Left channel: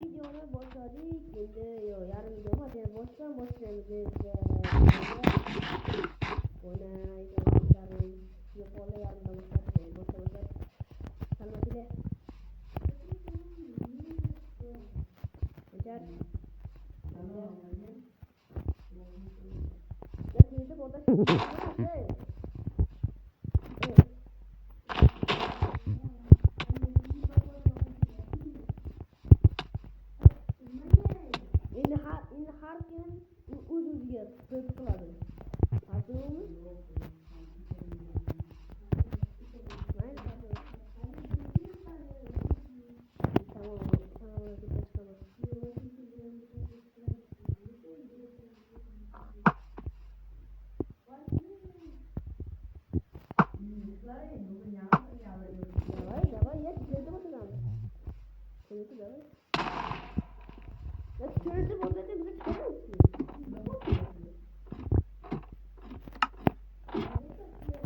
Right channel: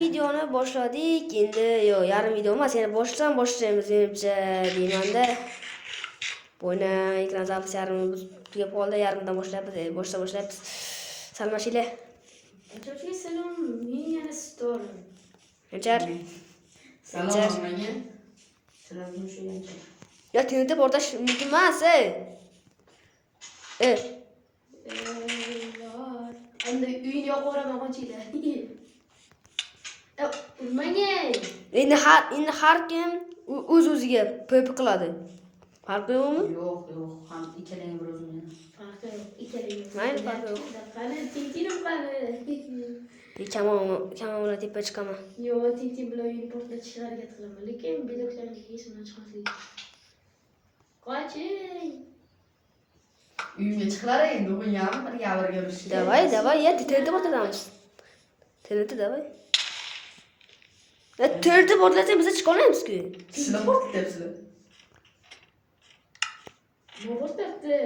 Videoni boshladik. Endi yo'q, yarim video emas, yana boshlaymiz menimcha deymanda. Bo'yna ekran zapis yarim tugab qoldi, yarimdan boshlaymiz. Boshlaymiz. Salmashinglar. Salom, men yana Store. Hanchar. Salom menga. Salom shu yancha. Ya tinitib portash emas, Endi uyni yoqib o'raman qochinglar. Urmang. Endi har kim o'z-o'ziga PP qiladi. Farqi yo'qmi? Yo'q, ham ikkalang bir o'zini. Farqi yo'q, ikkalang. Mayli, farqi yo'q. Qani, tintinib qani. Kamon tepa chiqaman. Yo'q, tintin bilan uyni portlatishga harakat qilaman, lekin beloklarga esimdan chiqmaslik. Qoching. Uyimga chiqlar endi, bu ham bir gavrga bir. Давай, я tinitib portlatamiz. Tinitib, давай. Ya tinitib portlatsa biz chiqa olmaymiz-ku. Sizlar portlaysizlar. Portlatdi.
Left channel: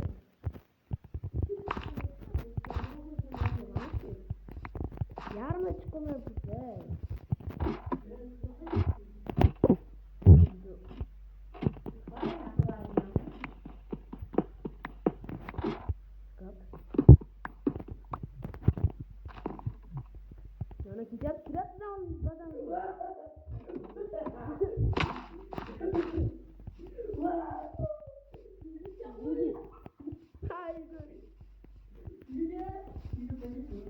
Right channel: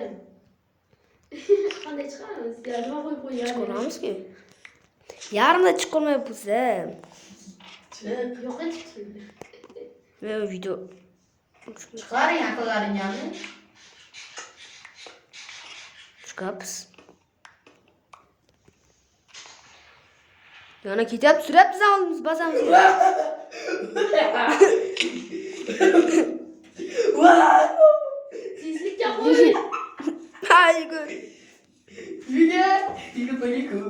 Qanday chiqamiz? Ya nima qo'yib qo'ygan? Chiqaramizku. Yarimda chiqolmayapsiz. Yo'q, chiqdi. Men video Chiqaring aqllaringni. chiqamiz. Yana ketyapti, suryapti zamimiz, basamiz. Tezlikka qo'y. Hayır. Tiger bagi kut.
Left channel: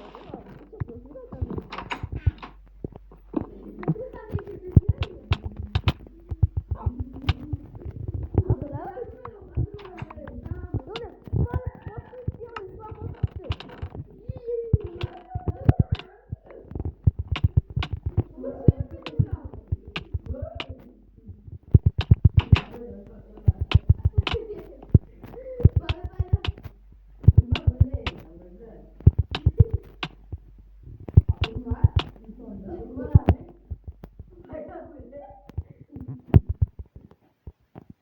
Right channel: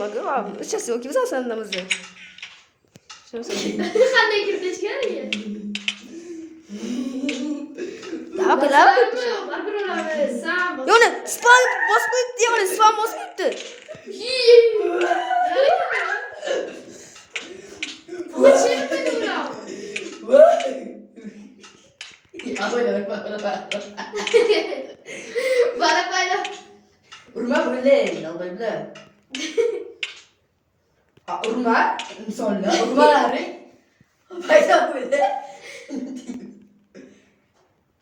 Öldüremem. Сейчас yok gibi sen namazı. Qanday kirib ketgan? Daha Baribir olamiz. Sam. Yoni spam bosib qo'yibdi, spam bosib qo'yibdi. Urma böyle, albayla. Urma, misalnya urmaları. Fayda böyle.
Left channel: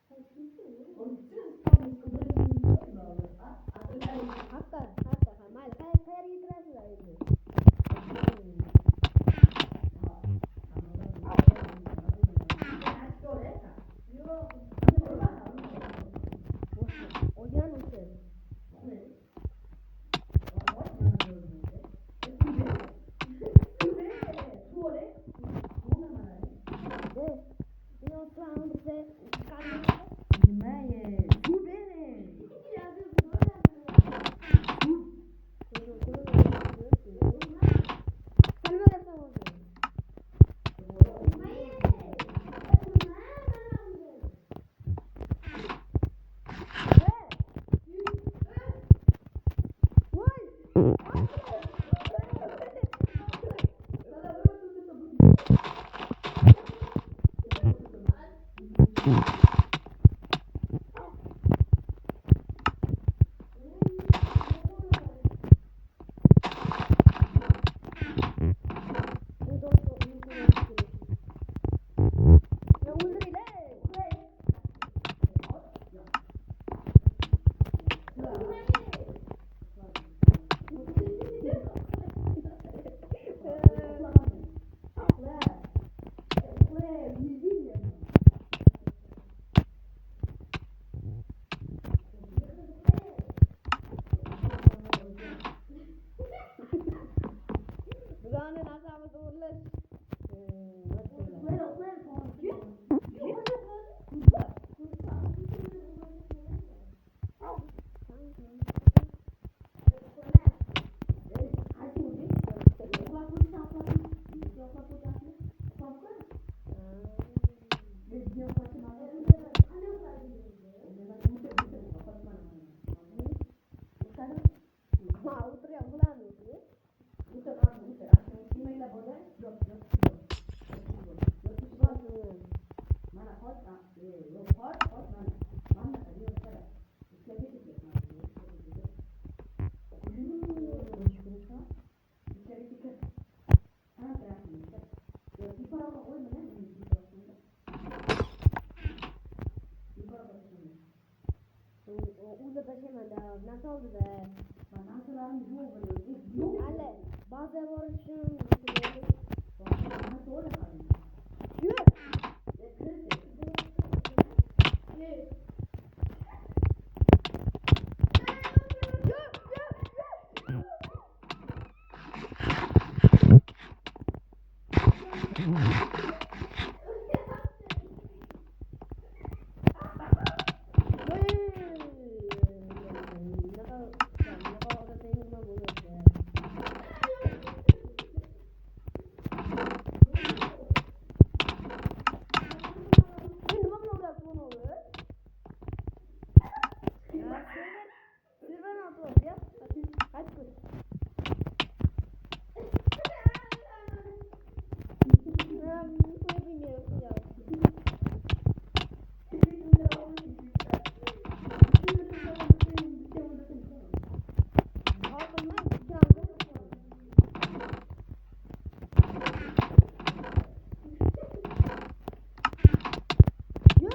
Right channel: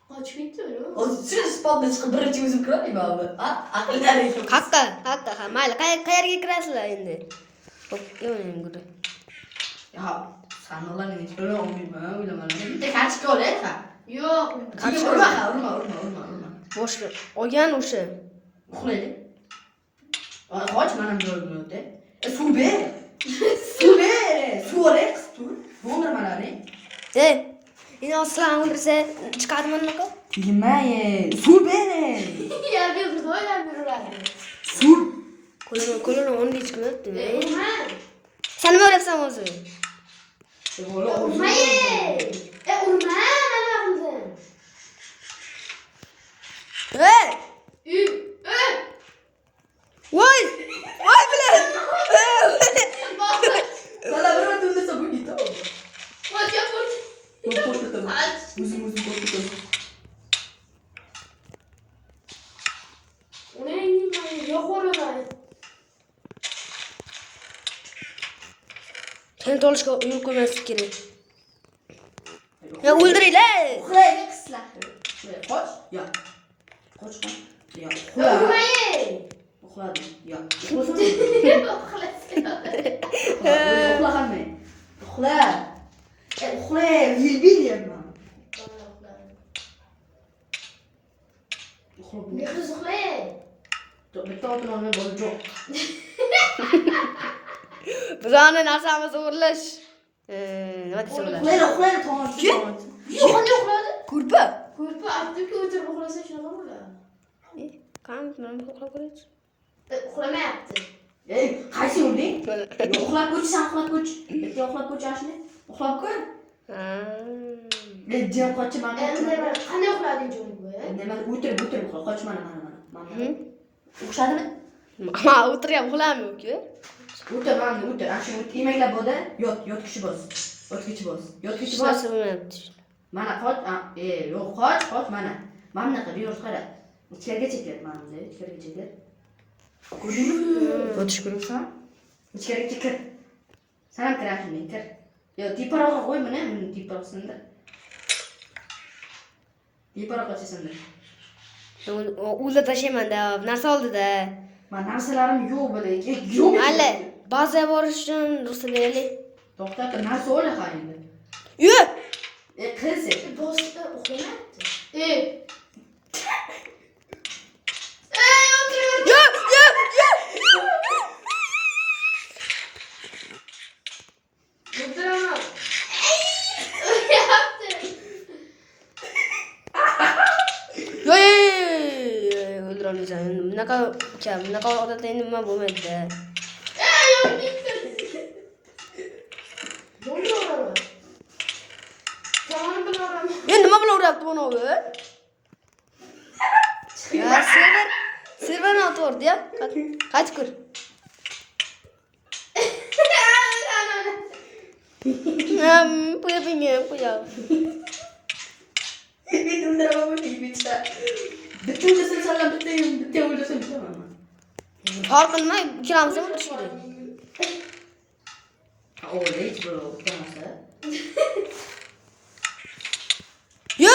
Qochib ketdi o'zi. O siz spalda chiqib birinchi o'zim kiraman abi. Aqllaring. Haqqa. Mayli, qayerga kirasizlar endi? Ya, sanallarni ichkari olmayman, o'ylaman. Bitta kartochka olay, ha. Yo'q. Urma. Boshqa. Olgan o'sha. Uxlaylik. Qoch mana bu yo'lda. Suv ber. Suv olay, suv. Bo'ndirmalari. Endi aslan o'ldirsa chiqadimi unaqa? Bilmayman. Suv ber. Ya biz qo'yamiz. Suv. Qo'lini o'rniga chiqibdi. Urma. Sen nima o'ylayapsan o'zi? Urma. Urma. Voy bilan. Sana bir ötümde sabun gitti. Seni olishga yo'l qo'ymaslik kerak. Ya o'ldiringlar. Uxlaylik qizlar. Qoch. Ya. Qoch. Ya. Uxladim. Ya. Uxlaganman. Uxla. Yilbilyapman. Bizani narsamizni o'g'irlash. Nima deysan ular? Uxlaydi, tomon. Yo'q, qanday uxladi? Ko'rpa. Ko'rpa, avtobusga o'tirib uxlasa shunaqa bo'ladi. Qani uxlab qo'yasiz? Uxlamayapti. Ey, qaysi urding? Uxlab ko'chsan, uxlab ko'ch. Bitta uxlab ko'chashni. Uxlab ko'r. Jim qochi mana. Qanday uxlading jo'ng bu? Nima o'tirib uxla, qoch mana. O'xshadimi? Ama o'tiryapman, uxlamayman yo'q-ku. O'tir. Ashu emaklab bo'ldi. Yot kishi bos. Mana qoch. Yo'q, qoch mana. Mana bunaqa bir qara. İçeriye çeker manzara, içeriye çeker. Koşun. Koşun. İçeri çeker. Sen ham kirashin, kir. Yo, teparoqqa qo'y mana, buni teparoqsindir. Teparoqqa sindir. O'zida tashlayman-da, narsa oldi-da. Men narsalarim yo'q bo'ladi. Yo'q. Mayli, bazaga borish uchun ruxsat beraylik. To'xta, narsa o'yla qayda. Yo! Qiz. Boshda o'qiyapti. Yo, yo, yo. O'tiraman. O'qiyapti. Yo, o'ldiraolasan. Bunaqa odatda endi nima bo'lmaydi-da. Men nima bilan uryapti buni o'zi? Ya, serverni o'tdi-ya. Qaytib kir. Qo'ya. Bitta o'ylasang sanlar, bitta o'ylasang bilaman. Farqi nima? Ikkalamiz ham o'tirish kerak. Yo!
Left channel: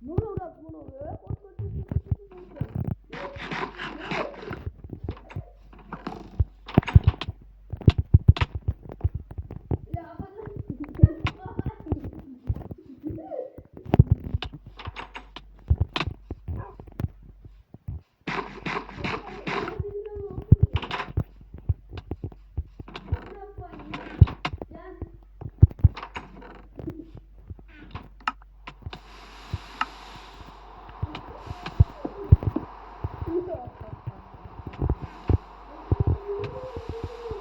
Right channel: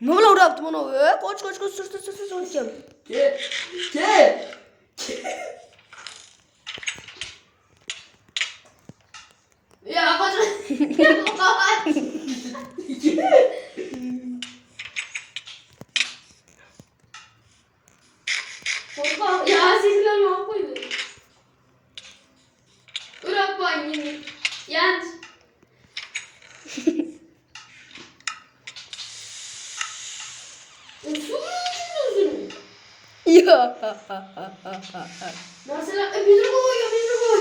Nima bilan uryapti buni o'zi? Qoch, sur. Kel. Ya, qoch. Ya, sizlar ne yapıyorsunuz? Bırak bana. Yanlış. Yo. Mesela bir koy.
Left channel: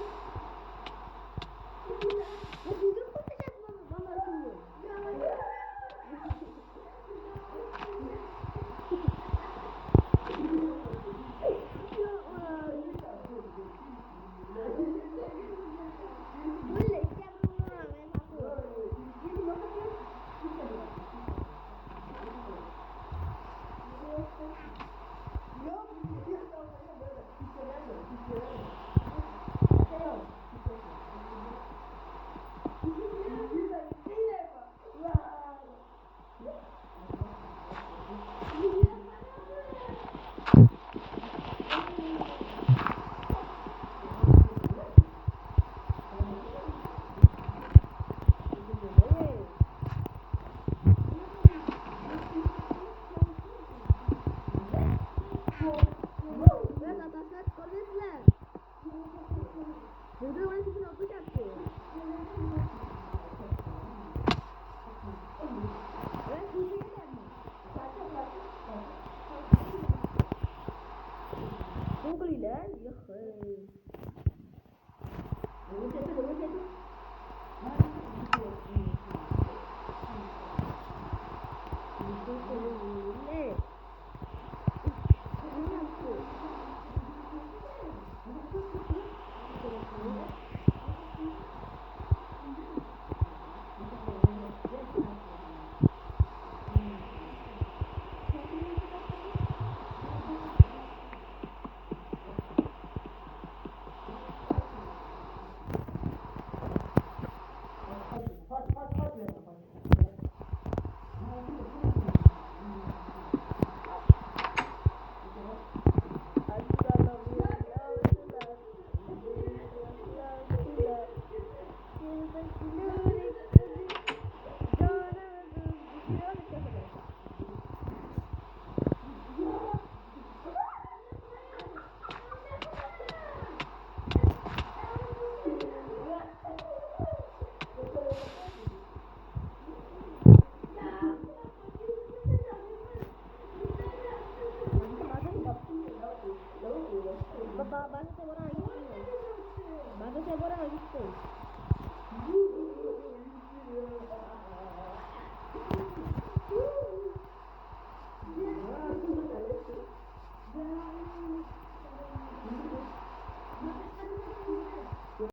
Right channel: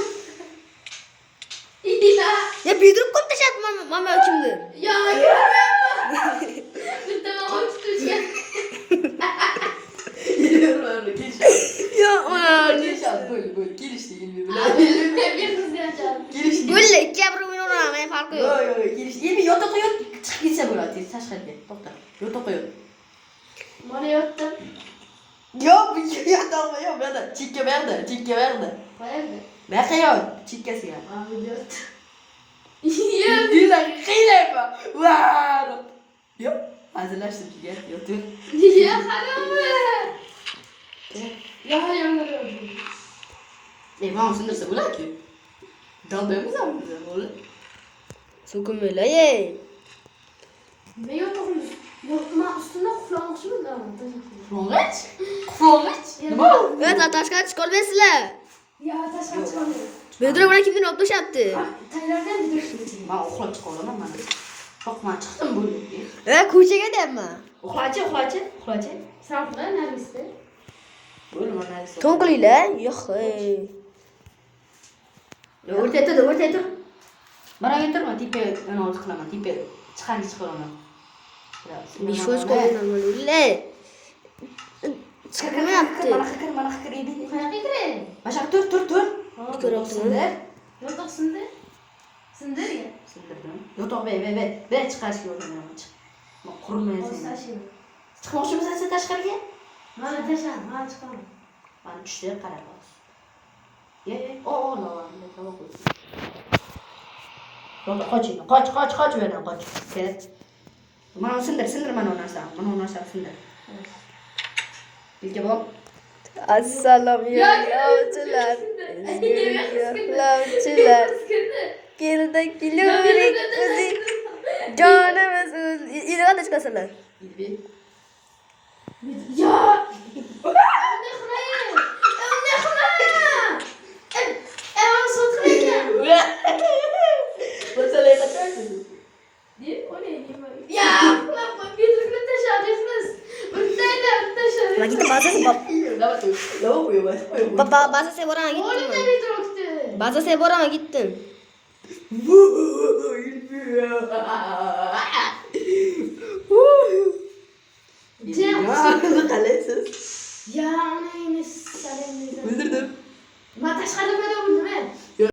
İlla. Ya bildirib qo'yib tashlabman, mana kimdir. Ya, görmüyor musun? Bir tane uçtu. Yo, ana. Bir kız yaşar. Yo'lla, ikki bir o'yin o'ynamayman, farqi yo'q. Endi yota qo'yib chiqib ketsa bo'ladi, tashqariga. To'xta. Yota qo'yib. Bana yattım. Yo'q, bu yota qo'yib, bu yerda chekka berdi. Bayıldı. Buyoqqa yo'q, chekkasiga. Abi yattı. Dilar qiylaymi? Vaa! Yo'q, hazillashdim sizga. Yo'q. Ya haramı. Ya haramı. Mana sindirsa bo'ladi-ku. Dalbaymiz ham bo'ladi. So'kinmanglar, ey. Ben yokum. Yokma üstüne kuflamışım da. Mo'g'ich? Mo'g'ich? Nima? Yo, tashqariga chiqib olmaysizlar. Ya taşlar çıkamıyor. Bedro bilan kimdir olib tashlabdi? Taylardan bir. Men uxlab chiqaolaman men. Yo'q, men chiqdim bu. Ko'chaga deyapman. Uxlachi. Sen burada neredesin? O'lmana. To'n qilinglar. Yo'q, ey. O'rtay tur. Mana turma, tipe yana o'z qilaman, tipe chiqaraman. Bishvoz qo'yinglar, o'ylar. Chiqmayapti. Mana xikir edi. Kayak girin. Başa tur. Ko'ryaptimi? Yotok sındır. Sındır ya. Yo'q, be, chiqarishga o'rganman. Qurmaysiz. Olsa şey. Chiqmoqchimisan sen tashqariga? Bana taşar. Bana çıkamam. Mana tushdi, qara. Ye, Qoch yerdan, qoch. Kel. Mana sindir mana u narsani sindir. Bizga bor. Assalomu yo'lovchilar. Yo'lovchilar. Keldik, kelurik o'zing. Jonimiz o'z. Iroda chiqasizlar. Ya. Ne kılayım? Ne kılayım? Evan sotrayım. Masalahı kaçarsın. Diye o ne? Ya. Kulakma bir türlü taşacaksınız. Urtayla taşar. Ma gittim bazasi Lava bazasiga boraman Oğlum gitdim. ne bir drogtu? Bazasiga boraman gitdim.